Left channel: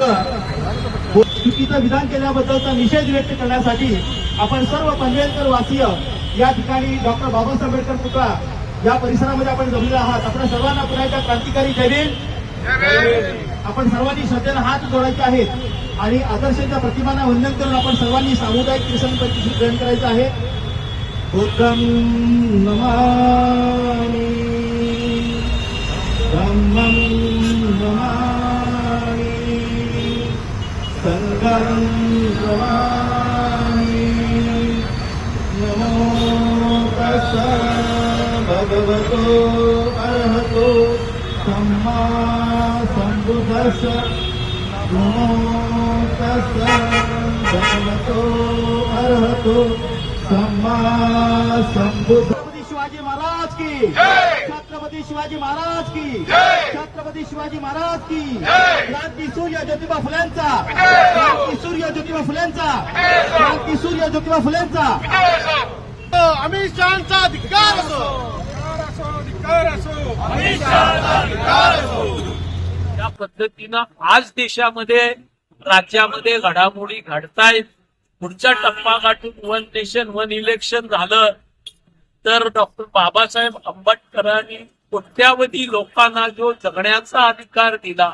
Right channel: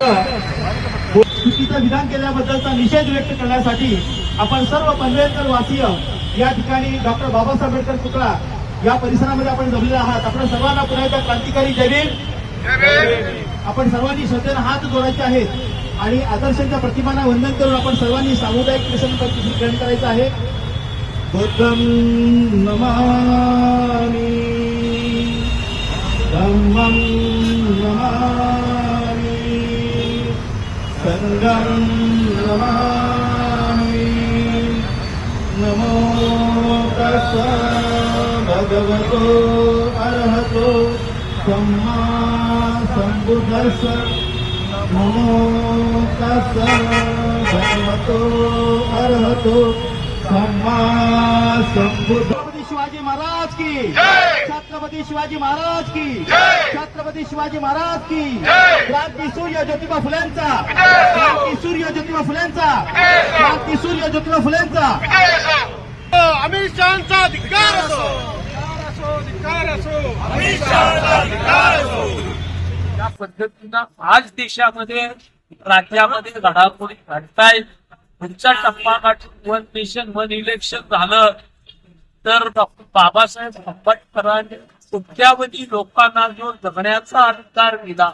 चुकीचं विधान केल्याबद्दलचा निषेध व्यक्त करण्यासाठी आपण सर्व पनवेलकर वासीय या ठिकाणी डॉक्टर बाबासाहेब आंबेडकर पुतळा या परिसरामध्ये आपण जमलेले आहात. आपण सर्वांना पुन्हा एकदा क्रांतिकारी जय आपण सर्वांनी श्रद्धेनं हात जोडायचे आहेत आणि आदर्शांच्या प्रतिमांना वंदन करून आपण सर्वांनी सामुदायिक मिशन ग्रहण करायचं आहे. नमामि. धम्मं नमामि संघं नमामि नमो तस्स भगवतो अर्हतो सम्मा सम्बुद्धस्स नमो तस्स भगवतो अर्हतो सम्मा सम्बुद्ध छत्रपती शिवाजी महाराज की। छत्रपती शिवाजी महाराज की। छत्रपती शिवाजी महाराज की। क्रांती सूर्य ज्योतिबा फुल्यांचा। क्रांती सूर्य ज्योतिबा फुल्यांचा। क्रांती सूर्य ज्योतिबा फुल्यांचा। अमित शहाचा धिक्कार असो! धिक्कार असो त्या पद्धतीनं आज देशामध्ये राज्यामध्ये घडामोडी घडतायत. पुढचा टप्पा गाठून वन नेशन वन इलेक्शन झालं. तर डॉक्टर बाबासाहेब आंबेडकरांनी कोट्यावधी लोकांना जो जगण्याचा अधिकार दिला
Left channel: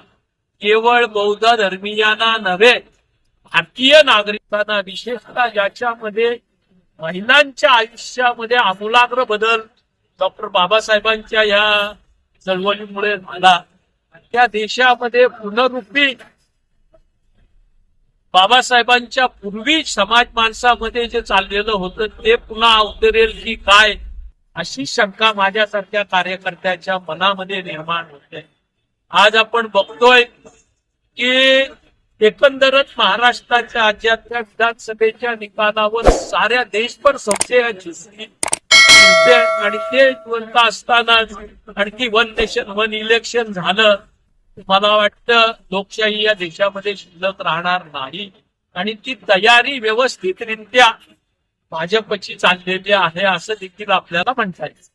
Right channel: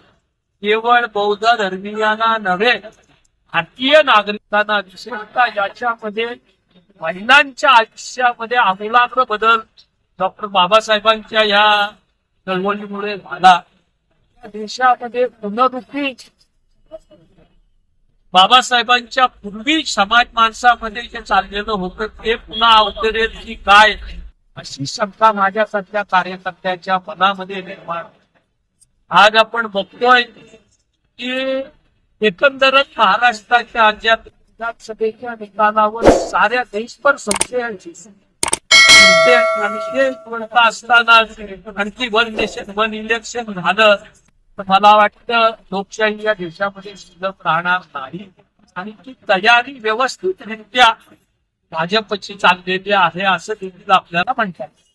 केवळ बौद्ध धर्मीयांना नव्हे भारतीय नागरिकांना विशेषतः ज्याच्यामध्ये महिलांच्या आयुष्यामध्ये आमूलाग्र बदल डॉक्टर बाबासाहेबांच्या या चळवळीमुळे झाला. त्या देशामध्ये पुनरुपी बाबासाहेबांच्या पूर्वी समाज माणसामध्ये जे चाललेलं होतं ते पुन्हा अवतरेल की काय? अशी शंका माझ्यासारख्या कार्यकर्त्याच्या मनामध्ये निर्माण होते. आज आपण बघतोय की एकंदरच महाराष्ट्राच्या राज्यातल्या विधानसभेच्या निकालावर साऱ्या देशभर संशयाची आणि ते बोलता असताना आणखी वन नेशन वन इलेक्शन झालं. मला वाटतं लोकशाही या देशामध्ये शिल्लक राहणार नाही. आणि ती तयारी व्यवस्थितरित्या भाजपची चाललेली आहे असं देखील आपल्याला म्हणता येईल.